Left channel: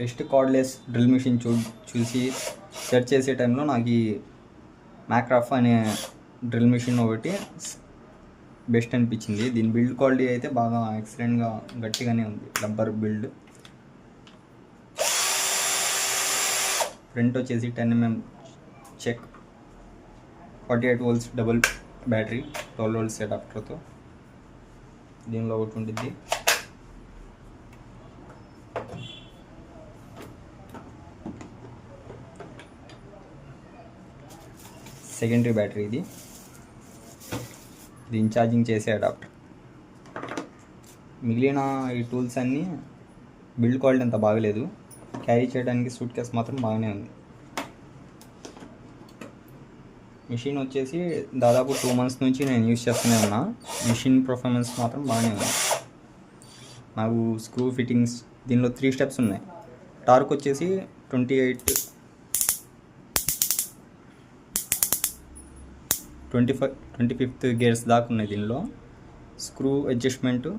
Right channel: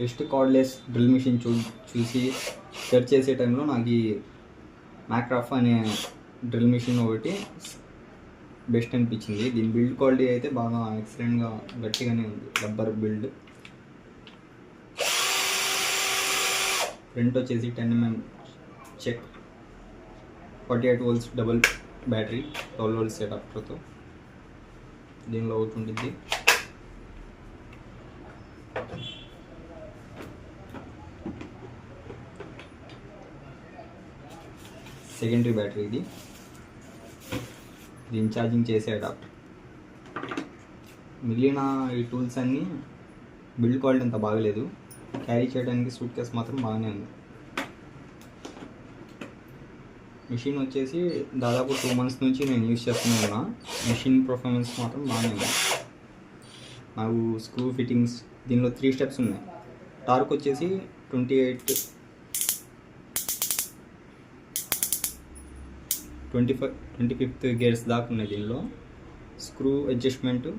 Rest cardless drill machine చూసి సెర్చ్ చేసే టైంలో నాకు ఈ మ్యాక్రాఫ్ అనే డ్రిల్ మిషన్ ఒకటి బెస్ట్ అనిపించింది. దీని బిల్డ్ క్వాలిటీ అయితే బాగా ఎక్సలెంట్గా గట్టిగానే ఉంది. Rubber build. ఫ్రంట్ వచ్చేసి 10mm check, 48 volts double battery, 12 volts అడాప్టర్తో దీనిలో ఒకటి ఉంటుంది. సెకండరీ బ్యాటరీ ఇది. దీన్ని ఛార్జింగ్ చేసే అడాప్టర్. మిగిలిన ఈ టూల్స్ అన్నీ బిల్డ్ క్వాలిటీ అంత బాగలేదు. క్యారీ చేయడానికి సూట్ కేస్ మాత్రం బాగానే ఉంది. మిషన్ వచ్చేసి దాదాపు 2 months నుంచి నేను యూజ్ చేస్తూనే ఉన్నా. మిషన్ పర్ఫార్మెన్స్ మాత్రం బాగానే ఉంది. నాకు స్క్రూ ఫిట్టింగ్స్ దీనిలో 3 steps ఉన్నాయి. టార్క్ వచ్చేసి 25th గేర్స్ దాకా ఉన్నాయి దీనిలో. Screw adjustment,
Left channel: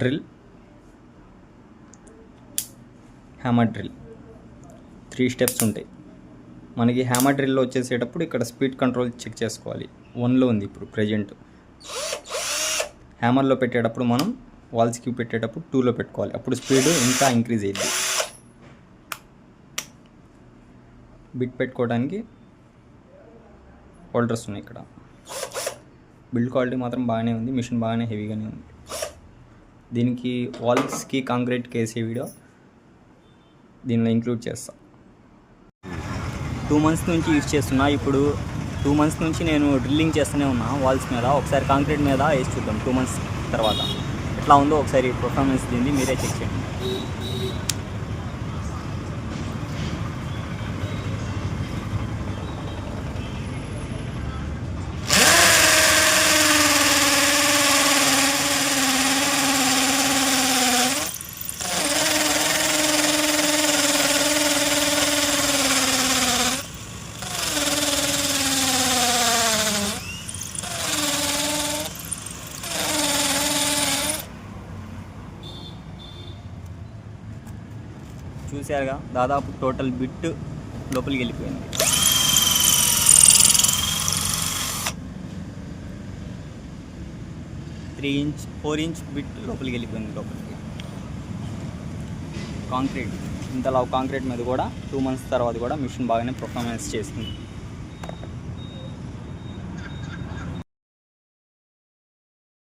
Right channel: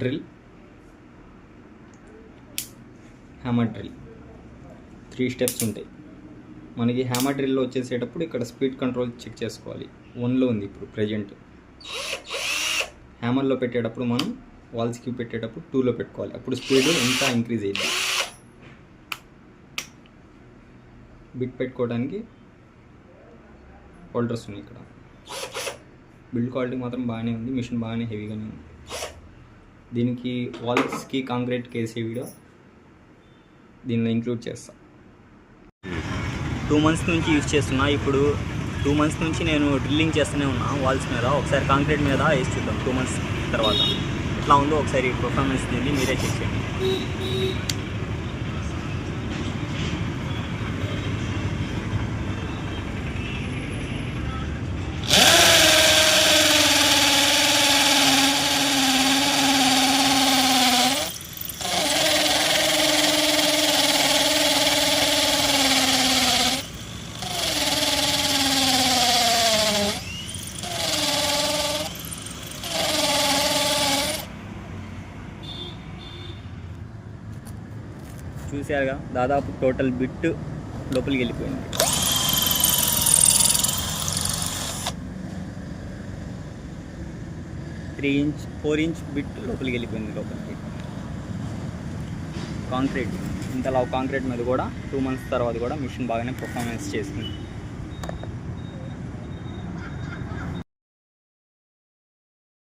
drill, hammer drill, 3 steps ఉంటాయి. మనకి హ్యామర్ డ్రిల్లో వచ్చేసేటప్పుడు ఇక్కడ స్పీడ్ కంట్రోల్ చెక్ చేసుకోవాలి. 1లో ఉంది ఇప్పుడు ప్రజెంట్. హ్యామర్లో పెట్టేటప్పుడు మనం వాల్స్కి పెట్టేటప్పుడు 2లో పెట్టుకోవాలి. అప్పుడు స్పీడ్ ఇంకా ఇంక్రీజ్ అయ్యింది. బిట్ పెట్టుకోవడానికి హోల్డర్స్ ఉన్నాయి ఇక్కడ. బిల్డ్ క్వాలిటీ మాత్రం బాగానే ఉంది. మిషన్ బాగానే హెవీగానే ఉంది. దీనికి వాల్స్కి కాంక్రీట్ కేసే వీడియో దీనిలో ఇంక్లూడ్ చేస్తా. 2 months నుంచి యూజ్ చేస్తున్నా. ఇప్పుడు 2 months నుంచి నేను డ్రిల్లింగ్ చేస్తూనే ఉన్నా వాల్స్ మీద. ఒకసారి కాంక్రీట్ మీద వేసి చూద్దాం 2 months తర్వాత ఎట్లా ఉందో ఒకసారి పర్ఫార్మెన్స్ దీన్ని మీరే చెక్ చేయండి. చూసారుగా, దాదాపు టోటల్ బిట్ లోపలికి వెళ్ళిపోయింది. 4 inch బిట్ లోపలికి వెళ్ళిపోయింది. లోపలికి కాంక్రీట్, ఇంతలా కాంక్రీట్ మీద కూడా 2 months తర్వాత కూడా మిషన్ బాగానే పర్ఫార్మెన్స్ చేసింది.